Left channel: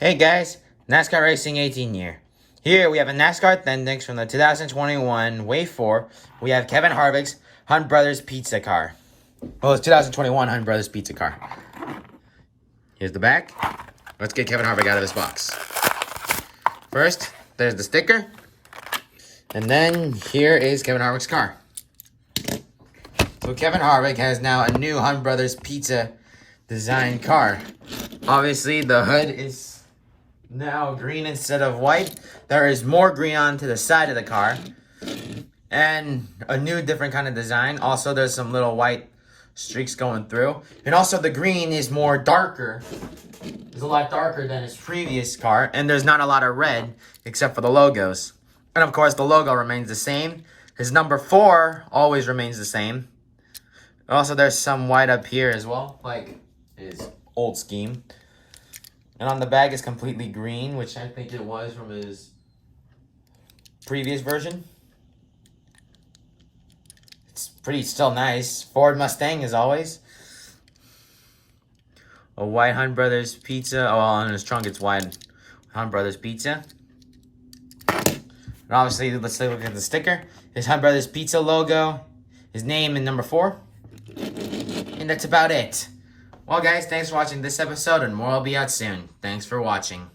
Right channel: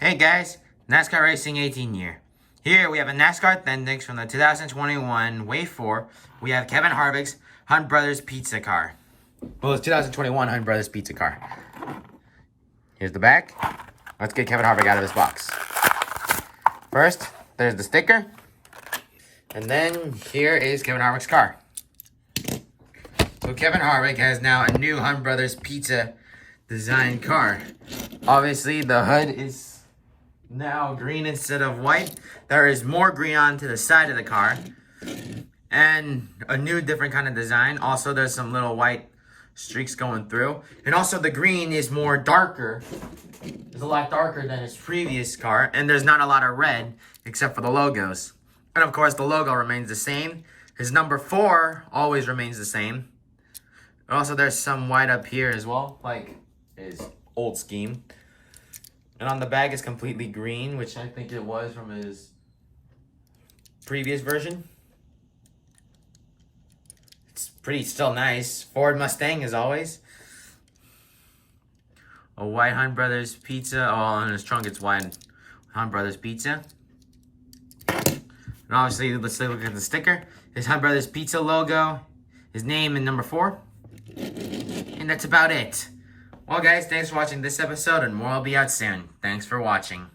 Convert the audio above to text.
Hey guys, NASCAR Racing 18 year. Here we have a NASCAR Thendix from the 2021 Wave 4. We have Kevin Harvicks Hunt Brothers Pizza Car. Well, it's 2021 Hunt Brothers Pizza Car. Here's the back. Let's get Kevin Harvick out of this box. First, there's the sticker. And then here is Kevin Harvick's car. So Kevin Harvick has now a new Hunt Brothers Pizza design car. Obviously, the hood is now green instead of white. There is more green onto the side of the car. And a new different kind of design. Also, there's some little white streaks going through. And also the green is more darker. It's a lot darker than his previous car. And there's not a lot of red except for the logos. And of course, the logo remains the same. His number 4 always remains the same. Also, there's some white up here as well, like his old scheme. And on the bag is completely green, which I think it was from his previous version. It's pretty still nice. Ford Mustang as always. A white Hunt Brothers Pizza. Oh, on his trunk it's white Hunt Brothers Pizza. And obviously, let's take a look at the sticker. His Hunt Brothers Pizza logo, his name, and number 4. And that's about it. Well, guys, thanks for watching this episode, and more will be out soon. Thanks for watching.